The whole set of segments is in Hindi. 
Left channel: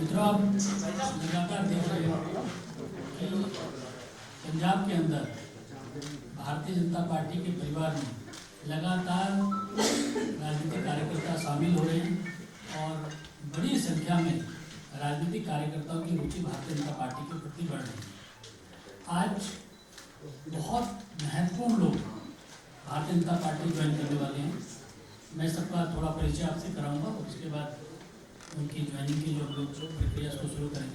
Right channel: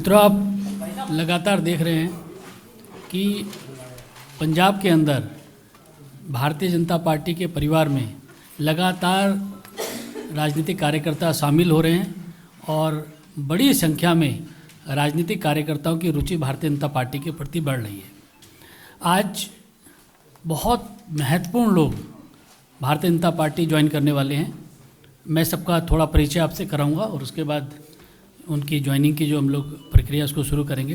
मित्रों, आप लगातार देख रहे हैं कि पंजाब के अंदर भारतीय जनता पार्टी के परिवार में लगातार राजनीतिक कार्यकर्ता शामिल हो रहे हैं और बड़ी संख्या में राजनीतिक कार्यकर्ताओं की रुचि भारतीय जनता पार्टी के प्रति बढ़ रही है। आज बहुत महत्वपूर्ण लोग भारतीय जनता पार्टी ज्वाइन करने वाले हैं। मैं सबका थोड़ा परिचय आपसे कराऊंगा और उसके बाद उनकी ज्वाइनिंग की जो हम लोग प्रक्रिया उसको शुरू करेंगे।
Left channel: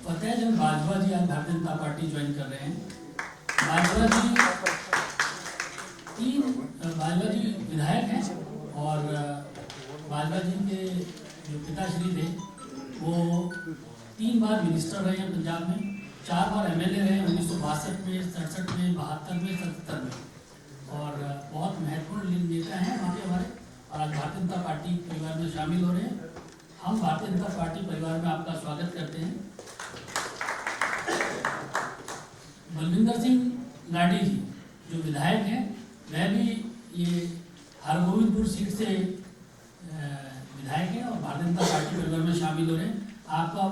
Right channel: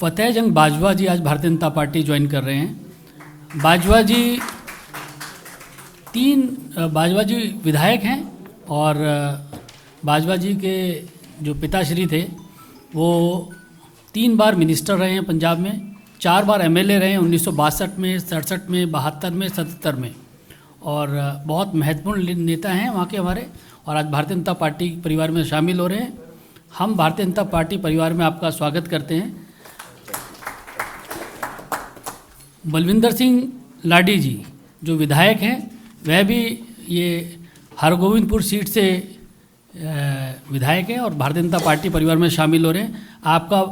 फतेह जंग बाजवा जी आज भारतीय जनता पार्टी ज्वाइन कर रहे हैं। बाजवा जी विधायक हैं और बाजवा जी के जो पिताश्री थे वो 3 बार मिनिस्टर रहे हैं पंजाब में, 4 बार एमएलए रहे हैं 1962 में, 67 में, 72 में, 77 में और बहुत महत्वपूर्ण नेता हैं वहाँ के हमारे, और आज भारतीय जनता पार्टी परिवार में शामिल हो रहे हैं। हम भारतीय जनता पार्टी परिवार में आपका स्वागत करते हैं। बलविंदर सिंह लाडी जी जो विधायक हैं वह भी ये हरगोविंदपुर सीट से विधायक हैं और भारतीय जनता पार्टी परिवार में शामिल हो रहे हैं। आपका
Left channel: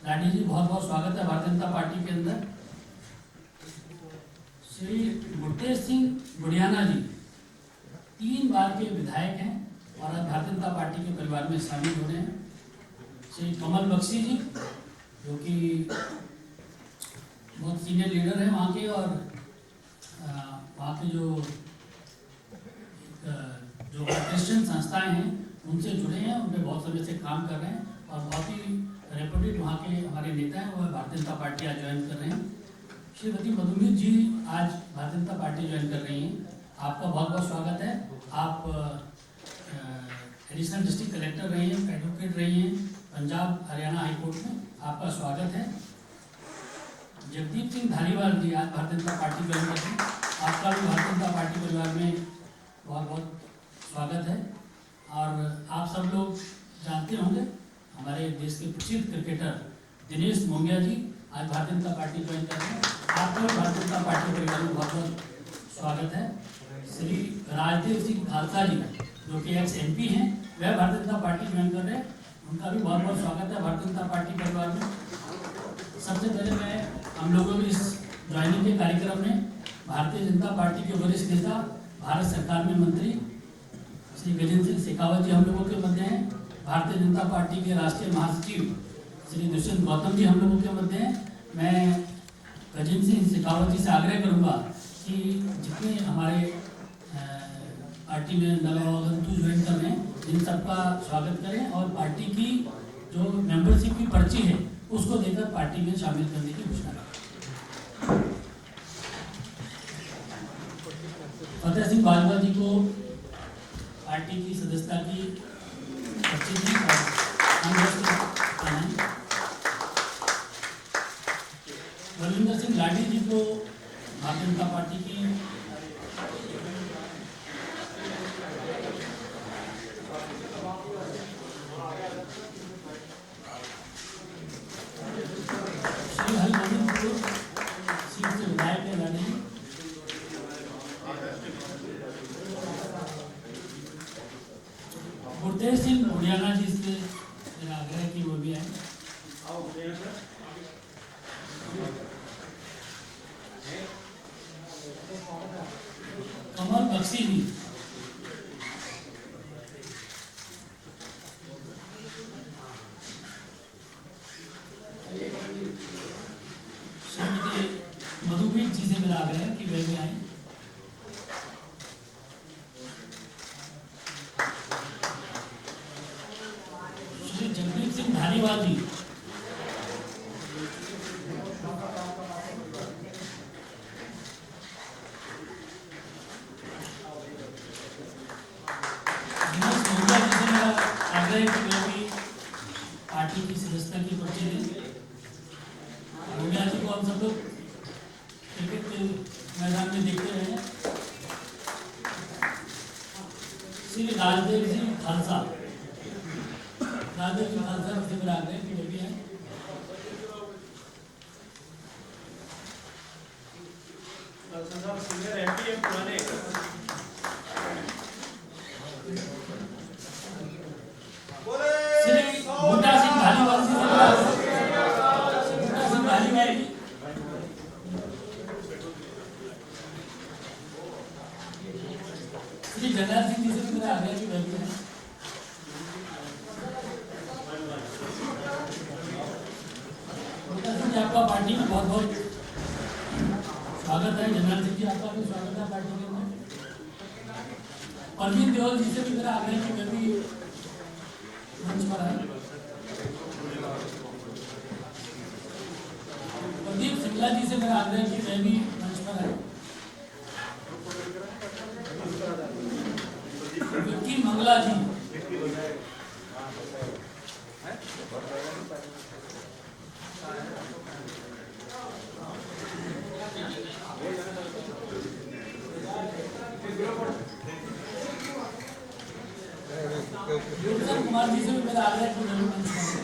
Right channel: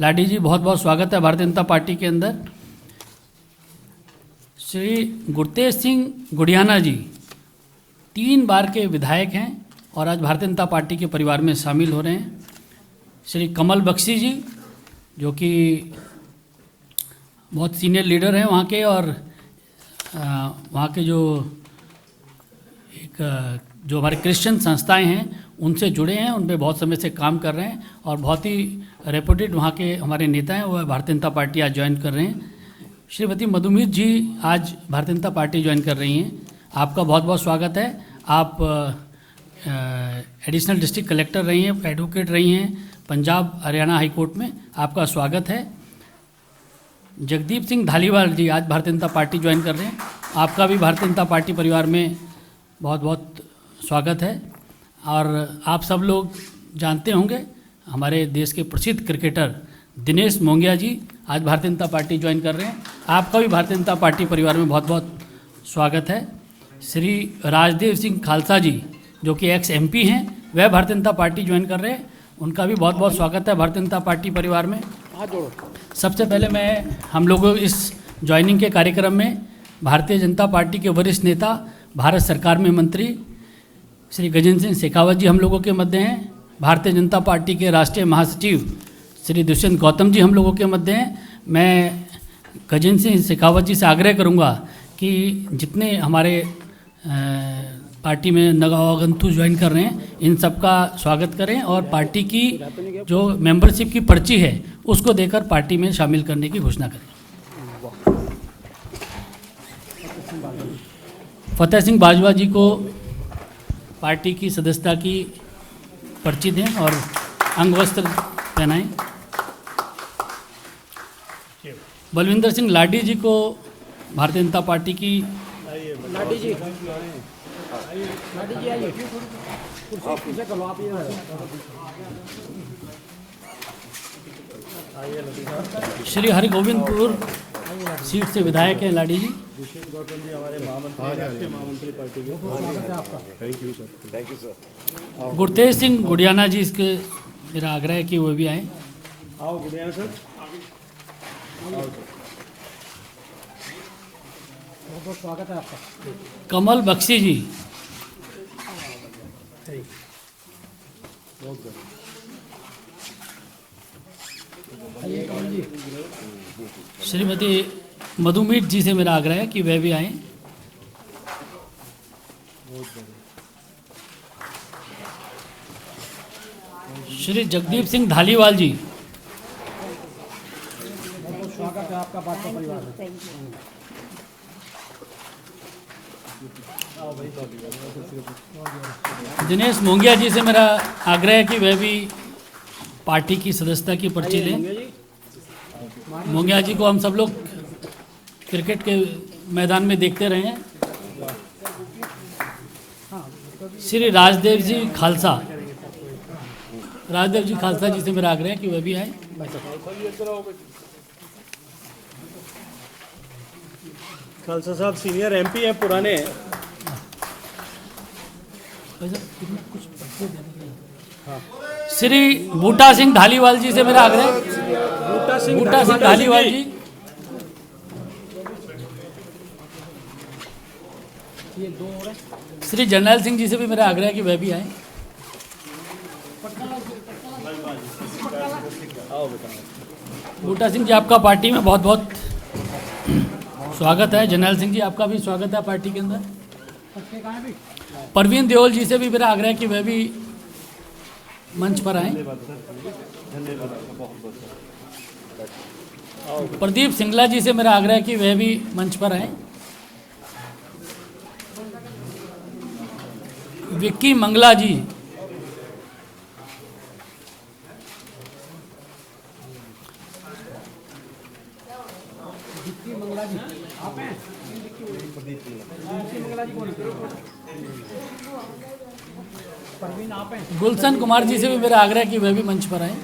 लाडी जी बहुत बहुत स्वागत है भारतीय जनता पार्टी के अंदर। श्री गुरतेज सिंह गुड़ियाना जी 3 बार के विधायक हैं और आज भारतीय जनता पार्टी के परिवार में शामिल हो रहे हैं। श्री कमल बख्शी जी जो कि बहुत सीनियर लीडर हैं वहाँ के और वहाँ के जो हमारे क्रिश्चियन संस्थाएं हैं उनसे जुड़े हैं, उन पर बहुत समय से काम कर रहे हैं और बहुत ही रेपुटेड वहाँ के हमारे नेता हैं, वह भारतीय जनता पार्टी आज ज्वाइन कर रहे हैं। श्रीमती मधुमित जी आज भारतीय जनता पार्टी ज्वाइन कर रही हैं। आपका बहुत बहुत स्वागत है। आप एडिशनल डिस्ट्रिक्ट कलेक्टर रही हैं, एडवोकेट रही हैं पंजाब हरियाणा हाई कोर्ट में, आपका स्वागत है। जगदीप सिंह धालीवाल जी आज भारतीय जनता पार्टी ज्वाइन कर रहे हैं। आपका भी भारतीय जनता पार्टी परिवार में बहुत बहुत स्वागत है। और आप सब लोग जानते होंगे हमारे देश के प्रसिद्ध क्रिकेटर दिनेश मोंगिया जी आज भारतीय जनता पार्टी ज्वाइन कर रहे हैं। आपका भी भारतीय जनता पार्टी परिवार में बहुत बहुत स्वागत है। श्री राजदेव सिंह खालसा जी जो कि एक्स एमपी हैं वह भारतीय जनता पार्टी ज्वाइन कर रहे हैं, उनका भी बहुत बहुत स्वागत है भारतीय जनता पार्टी परिवार में। सबसे पहले मैं हम लोगों इस ज्वाइनिंग के कार्यक्रम में भारतीय जनता पार्टी के वरिष्ठ नेता, भारत सरकार में मंत्री श्री गजेंद्र सिंह शेखावत जी हम लोगों के मध्य हैं। भारतीय जनता पार्टी के राष्ट्रीय महासचिव श्री दुष्यंत गौतम जी हम लोगों के मध्य हैं। मैं गजेंद्र सिंह शेखावत जी से आग्रह करूंगा कि जितने हमारे पार्टी में नवागंतु ज्वाइन कर रहे हैं इन सबका स्वागत करें और पार्टी की जो मेंबरशिप की पर्ची है उसको देकर पार्टी में शामिल करने की घोषणा करें। फतेह सिंह बाजवा जी को पार्टी की सदस्यता की पर्ची दें और अंगवस्त्र पहनाएं। बलविंदर सिंह लाडी जी को भारतीय जनता पार्टी की श्री हरगोविंदपुर सीट से विधायक हैं लाडी जी। गुरतेज सिंह गुड़ियाना जी इसके मेरा आग्रह है कि वो भी आए। कमल बख्शी जी श्रीमती मधुमित जी से मेरा आग्रह है कि वह भी आए। श्री जगदीप सिंह धालीवाल जी दिनेश मोंगिया जी से मेरा आग्रह है कि वह भी पार्टी की सदस्यता की पर्ची लें। मोंगिया जी को हम सब लोग क्रिकेट के मैदान में देखते रहे हैं। श्री राजदेव जी खालसा जी से मेरा आग्रह है कि वह भी आए। खालसा साहब सीनियर एमपी हैं, पुराने हैं। श्री बूटा सिंह धालीवाल जी से मेरा आग्रह। बूटा सिंह धालीवाल जी। श्री जरनैल सिंह जी से भी मेरा आग्रह है कि वह भी आए। बूटा सिंह जी, आपका पार्टी में बहुत बहुत स्वागत है। जरनैल सिंह जी, आपका भी स्वागत है पार्टी के अंदर। परवीन देओल जी से भी मेरा आग्रह है कि वह भी मंच पर आए। प्रदीप सिंगला जी से मेरा आग्रह है कि वह भी मंच पर आए। विक्की मंगला जी, गुलशन कुमार जी से भी मेरा आग्रह है कि वह भी मंच पर आए।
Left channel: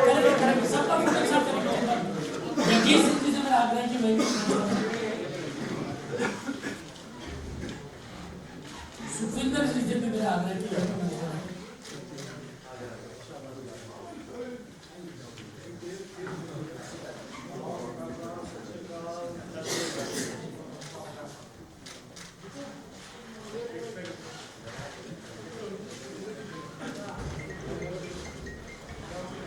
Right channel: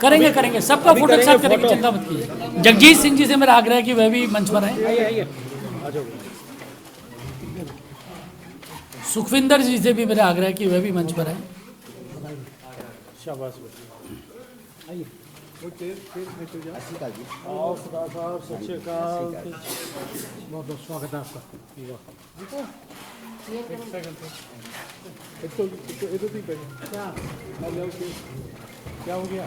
करेंगे सबका फोटो के साथ करेंगे, चिंता मत कीजिए। जगजीत सिंह जी से मेरा आग्रह है कि वह भी मंच पर आए। सुखविंदर जी से भी मेरा आग्रह है कि वह भी मंच पर आए। क्या हो गया?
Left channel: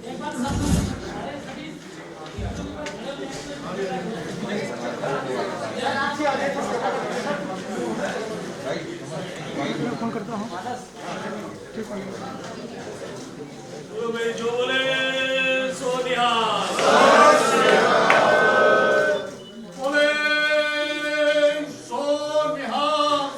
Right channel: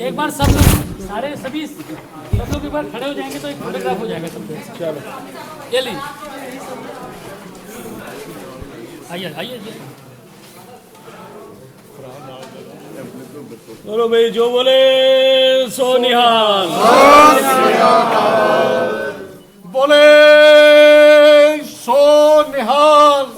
एक बार सब लोग सभी लोग एक बार खड़े हो जाएंगे तो एक फोटोग्राफ हो जाएगा। ये लें, आइए। चलो भाई, जो बोले सो निहाल। बोले सो निहाल।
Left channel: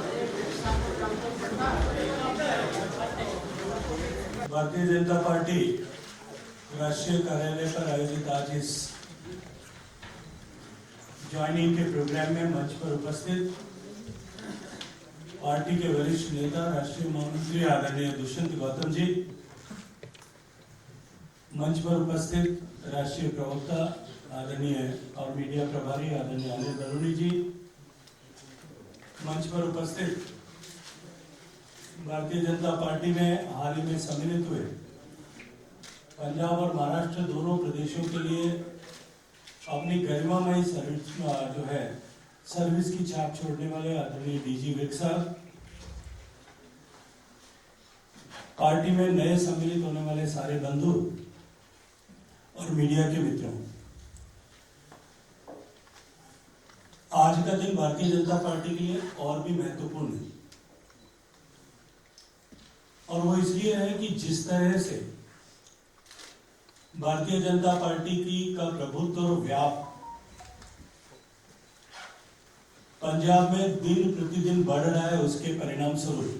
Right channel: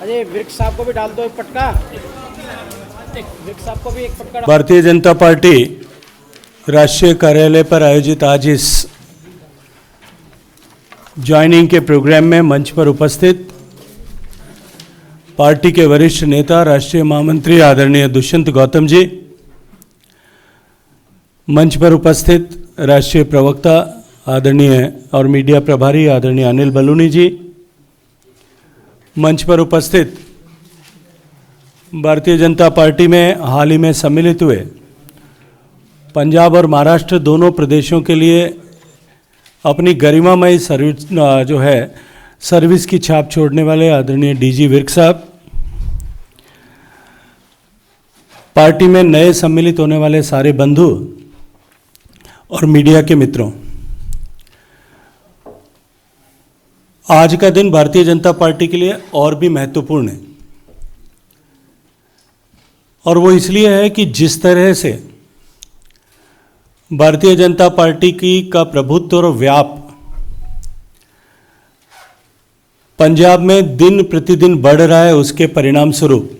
अरे विक्स साहब को भी डाल दो एक पटका। विक्स साहब को भी एक पटका। भारतीय जनता पार्टी राष्ट्रीय कार्यालय पर आयोजित आज इस ज्वाइनिंग के प्रोग्राम में मंच पर उपस्थित पार्टी के वरिष्ठ नेता राष्ट्रीय महामंत्री आदरणीय दुष्यंत गौतम जी, मंच पर उपस्थित राष्ट्रीय प्रवक्ता आदरणीय और मीडिया प्रभारी आदरणीय अनिल बलूनी जी, मंच पर उपस्थित भारतीय जनता पार्टी में हाल ही में सम्मिलित हुए पंजाब और महाराष्ट्र दोनों प्रदेशों के लिए अपनी गरिमामय सर्विस की छाप छोड़ने वाले आदरणीय डीजी विर्क साहब, पार्टी में नए सम्मिलित होने वाले सारे बंधु और मीडिया के मित्रों, आज का दिन भारतीय जनता पार्टी के लिए और भी महत्वपूर्ण है। और वो इसलिए है कि जिस तरह से भारतीय जनता पार्टी का प्रभुत्व और व्याप पंजाब में दिन प्रतिदिन बढ़ रहा है, उसके परिणाम स्वरूप,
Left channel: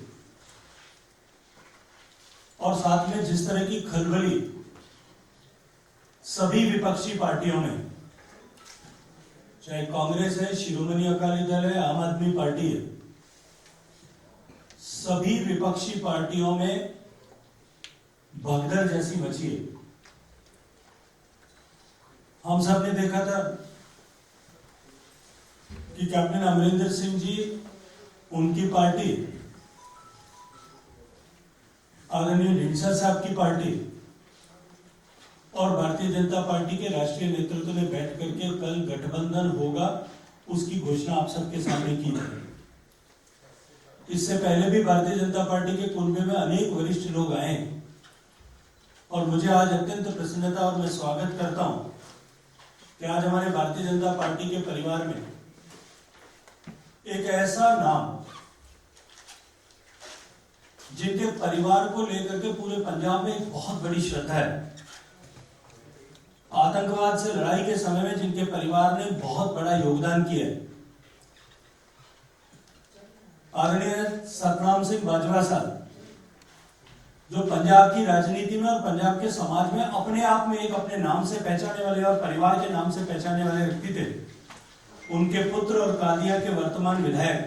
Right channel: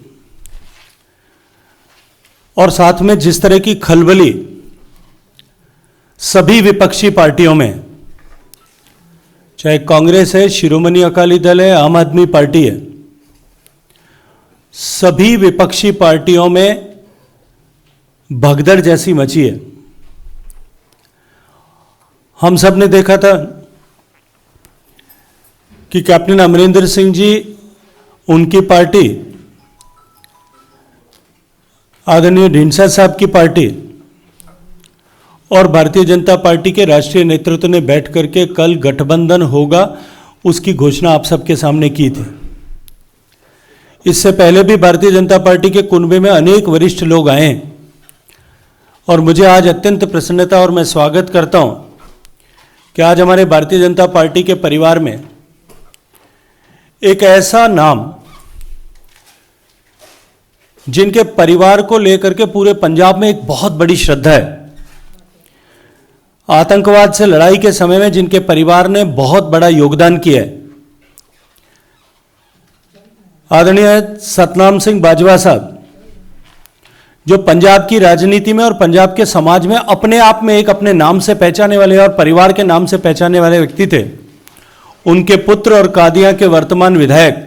और साथ में जिस तरह की खलबली सभी विपक्षी पार्टियों में, चाहे कांग्रेस है, शिरोमणि अकाली दल है, आम आदमी पार्टी है, सभी विपक्षी पार्टियों में भगदड़ जैसी मची है। हम सब ने देखा था कि कैप्टन अमरिंदर सिंह जी, उनकी पार्टी, आदरणीय ढींडसा साहब की पार्टी और भारतीय जनता पार्टी के राष्ट्रीय नेतृत्व ने बैठ करके कल गठबंधन होगा उसकी घोषणा आप सबके सामने की थी। इससे पहले भी भारतीय जनता पार्टी के कुनबे में अनेक वरिष्ठ लोग आए और मुझे आज अत्यंत प्रसन्नता और मैं स्वागत करता हूं कि आज हमारे भारतीय जनता पार्टी के परिवार में एक ऐसा नाम जिनके परिवार को लेकर के पूरे पंजाब में एक बहुत बड़ी श्रद्धा है, आतंकवाद से लड़ाई के समय में जिनके परिवार ने बहुत बड़ा योगदान किया है, आदरणीय सतनाम सिंह बाजवा साहब, जो पंजाब की राजनीति में और पंजाब के समाज में अपने आप में एक अपने नाम से पहचाने वाले और परिवार के नाम से पहचाने वाले व्यक्ति थे। उनके पुत्र और कादियां के वर्तमान विधायक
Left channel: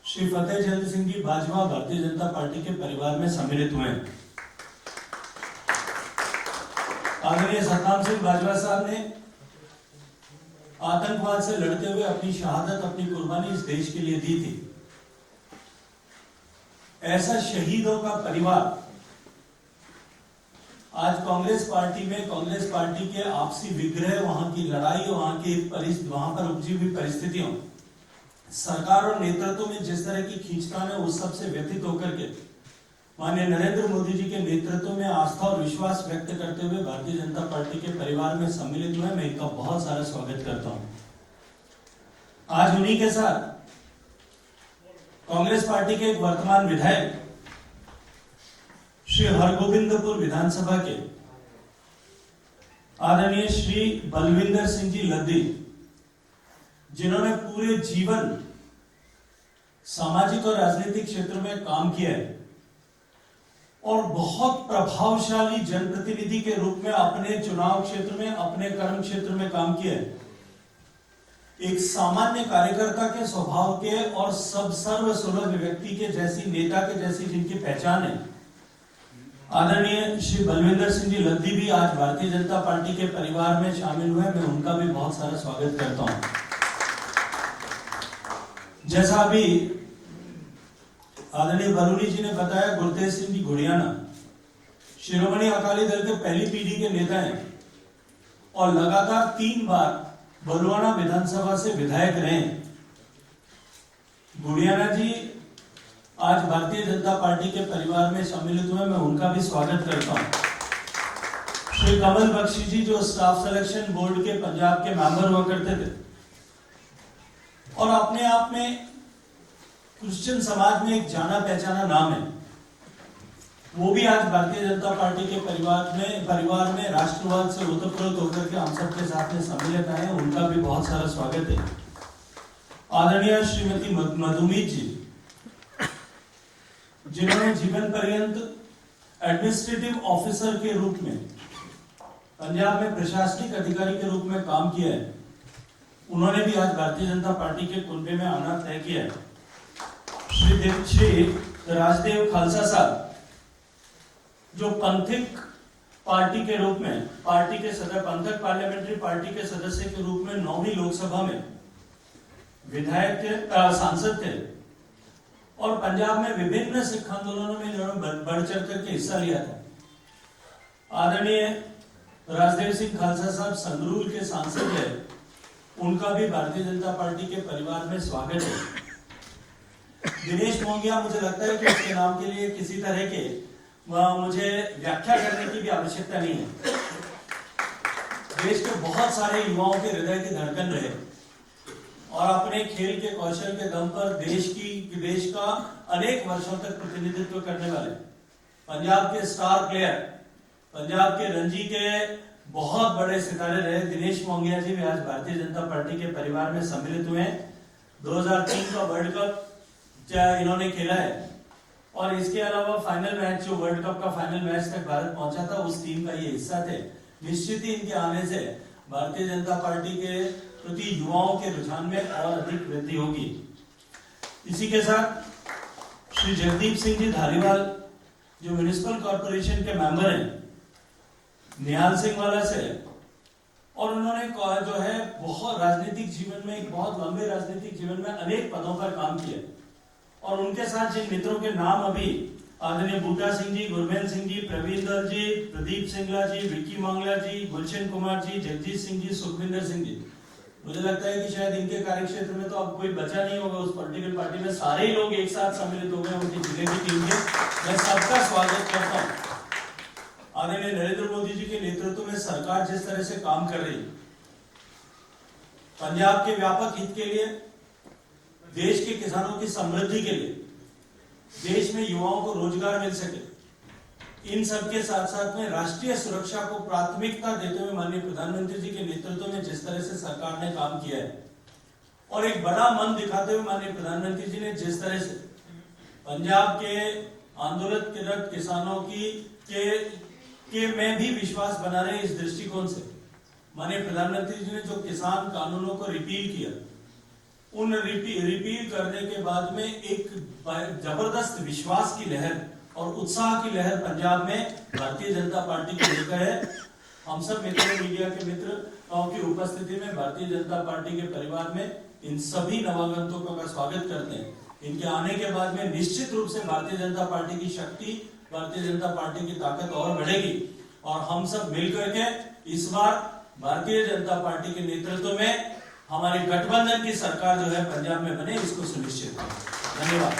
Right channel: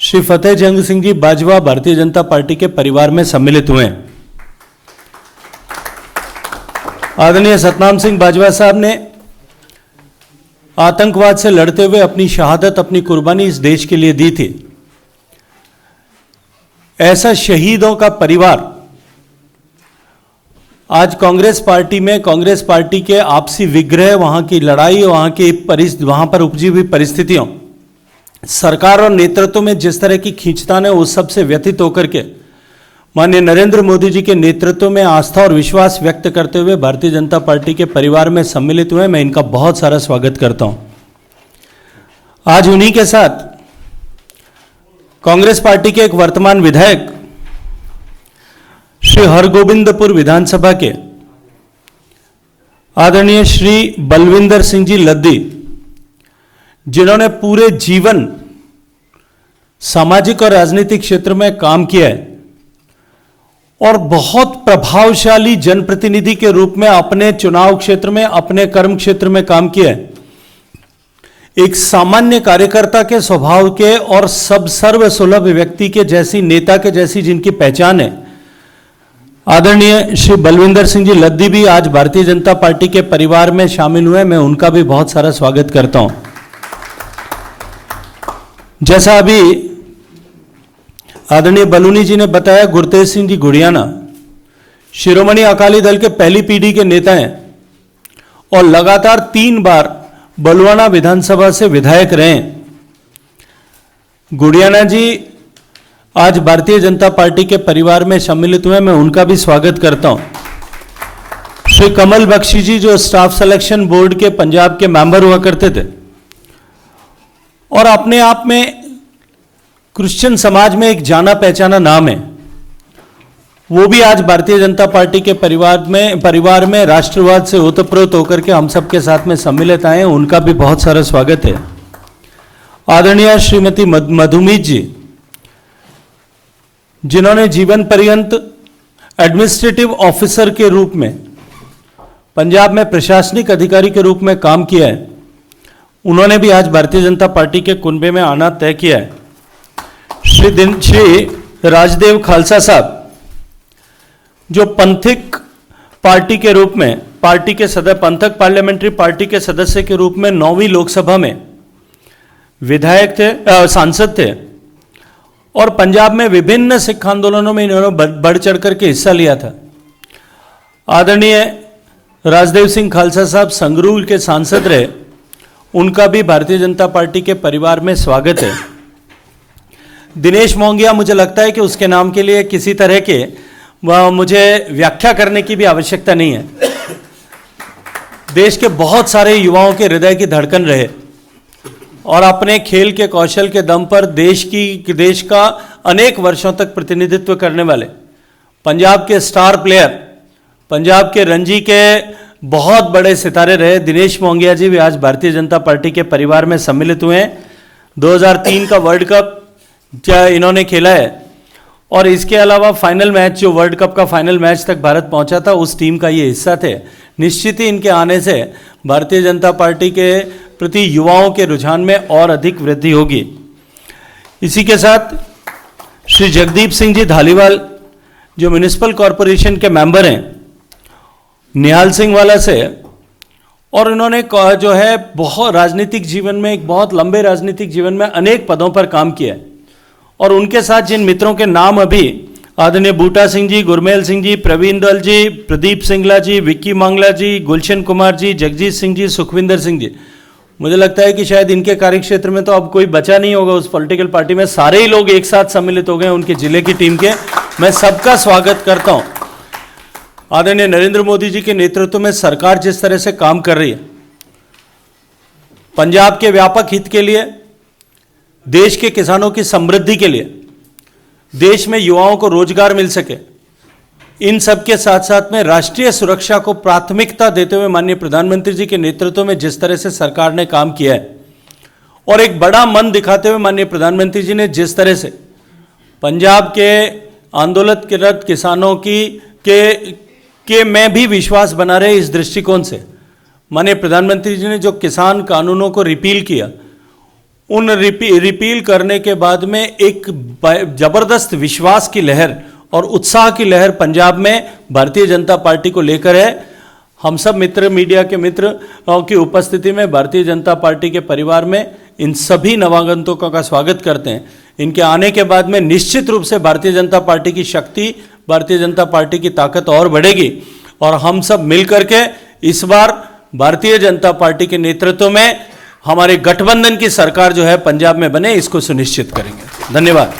श्री फतेह जंग सिंह जी बाजवा भारतीय जनता पार्टी के परिवार में सम्मिलित हुए हैं। आदरणीय सतनाम सिंह बाजवा साहब ने आतंकवाद से लड़ते हुए अपनी शहादत, अपनी कुर्बानी इस देश के लिए दी थी। ऐसा शहीदों का परिवार आज कांग्रेस पार्टी में, कांग्रेस पार्टी के आपसी विग्रह, वहां की लड़ाई, वहां पर उपजी हुई परिस्थितियों, सरकार और नेतृत्व में जिस तरह की खींचतान है, उस सबसे व्यथित होकर के माननीय नरेंद्र मोदी जी के नेतृत्व में आस्था और विश्वास व्यक्त करते हुए भारतीय जनता पार्टी के परिवार में सम्मिलित हुए। मैं इनका बहुत सारा स्वागत करता हूं। आज उन्हीं के साथ कांग्रेस पार्टी के एक वर्तमान विधायक श्री हरगोबिंदपुर विधानसभा के आदरणीय श्री बलविंदर सिंह जी लद्दी, जिन्होंने पूरे जीवन सामाजिक और राजनीतिक क्षेत्र में काम किया है और बहुत प्रभावशाली जनप्रतिनिधि के रूप में अपने चुनाव क्षेत्र में, अपने कर्म क्षेत्र में काम किया है। एक सामान्य कार्यकर्ता के स्वभाव के और सब सर्वसुलभ व्यक्ति के जैसी, नेता के जैसी जिनकी पहचान है, आदरणीय श्री बलविंदर सिंह जी लद्दी भी आज भारतीय जनता पार्टी के परिवार में शामिल हुए। मैं उनका भी बहुत सारा स्वागत करता हूं। जैसा अभी आदरणीय बलूनी जी ने बताया, गुरतेज सिंह जी गुड़ियाना शिरोमणि अकाली दल के पहली पीढ़ी के नेता हैं और लगातार 3 बार बलुआना विधानसभा से विधायक रहे। गुड़ियाना जी आज भारतीय जनता पार्टी के परिवार में सम्मिलित हुए। मैं उनका भी स्वागत करता हूं। श्री कमल बख्शी जी, जो स्टाफ सिलेक्शन बोर्ड के पंजाब के मेंबर हुआ करते थे और अपने आप में क्रिश्चियन समाज में एक जाना पहचाना नाम है, वो भी आज भारतीय जनता पार्टी के परिवार में राष्ट्रवाद से ओतप्रोत होकर के हम सबके साथ में सम्मिलित आए हैं। उनका भी बहुत सारा स्वागत है। आदरणीय श्रीमती मधुमीत जी, जिन्होंने जीवन पर्यंत एडमिनिस्ट्रेटिव ऑफिसर के रूप में पंजाब में प्रशासनिक अधिकारी के रूप में काम किया है, उन्होंने भी आज भारतीय जनता पार्टी के कुनबे में आना तय किया है। श्री राजदेव खालसा साहब, जो पंथिक पार्टी के रूप में, पार्टी के सदस्य, पंथक पार्लियामेंट्री पार्टी के सदस्य के रूप में 9वीं लोकसभा में विधायक थे, सांसद थे और पंजाब में विभिन्न सिख आंदोलनों में इन्होंने बढ़ चढ़ करके हिस्सा लिया था। आदरणीय राजदेव सिंह खालसा साहब संगरूर के सांसद रहे, उनका भी भारतीय जनता पार्टी के परिवार में स्वागत है। दिनेश मोंगिया, मुझे लगता है कि उसके नाम के लिए किसी तरह के मुझे व्याख्या करने की भी आवश्यकता नहीं है। देश के बहुत सारे युवाओं के हृदय की धड़कन रहे और अपने खेल के कौशल के दम पर देश का अनेक वर्षों तक प्रतिनिधित्व करने वाले पंजाब के स्टार प्लेयर, पंजाब के रणजी के बहुत बड़े सितारे रहे दिनेश मोंगिया जी भी आज भारतीय जनता पार्टी के परिवार में सम्मिलित हुए हैं। 2003 का वर्ल्ड कप इन्होंने खेला है और इसके अलावा फाइनल मैच, जो वर्ल्ड कप का फाइनल मैच तक भारत पहुंचा था, उस टीम का ये हिस्सा थे। निश्चित ही इनके आने से भारतीय जनता पार्टी के प्रति युवाओं के रुझान में और अधिक वृद्धि होगी। इसी के साथ श्री जगदीप सिंह जी धालीवाल, जो म्युनिसिपल कॉरपोरेशन के मेंबर हैं निहाल सिंह वाला से, और इन्होंने जो है बहुत राजनीतिक जीवन में, एक बहुत लंबे राजनीतिक जीवन में अनेक पदों पर काम किया है। और उनके साथ जिन मित्रों के नाम अभी आदरणीय बूटा सिंह जी, गुरमेल सिंह जी, प्रवीण दल जी, प्रदीप सिंगला जी, विक्की मांगला जी, गुलशन कुमार जी, जगजीत सिंह जी, सुखविंदर सिंह जी, मुझे लगता है कि शायद इनके कार्यक्षेत्र में तो अब कोई बचा नहीं होगा उस पॉलिटिकल पार्टी में। सारे ही लोग एक साथ सम्मिलित हो गए उनके जिले की टीम के। मैं सबका स्वागत करता हूं। आदरणीय नरेंद्र मोदी जी के नेतृत्व में सरकार जिस तरह से काम कर रही है, पंजाब के व्यापक हित के लिए, देश के किसानों की समृद्धि के लिए, देश में युवाओं को रोजगार मिल सके, इन सब के साथ साथ में राष्ट्रीय सुरक्षा को प्राथमिकता देते हुए माननीय प्रधानमंत्री जी के नेतृत्व में जिस तरह से सरकार ने काम किया है और एक बड़ा मन दिखाते हुए माननीय प्रधानमंत्री जी ने जिस तरह से पंजाब के आंदोलनरत किसानों के में भी विश्वास बना रहे, इस दृष्टिकोण से माननीय प्रधानमंत्री जी ने जो किसान कानूनों को रिपील किया, उन रिपील करने के बाद में एक जबरदस्त विश्वास की लहर और उत्साह की लहर पंजाब में भारतीय जनता पार्टी को लेकर है। हम सब मित्र, मीडिया के मित्रों की उपस्थिति में भारतीय जनता पार्टी के परिवार में इन सभी नवागंतुकों का स्वागत करते हैं। इनके आने के बाद में निश्चित रूप से भारतीय जनता पार्टी की शक्ति, भारतीय जनता पार्टी की ताकत और बढ़ेगी और हम सब मिलकर के इस बार भारतीय जनता पार्टी के नेतृत्व में हमारे गठबंधन की सरकार जो है पंजाब में बने, इसको सुनिश्चित करेंगे। धन्यवाद।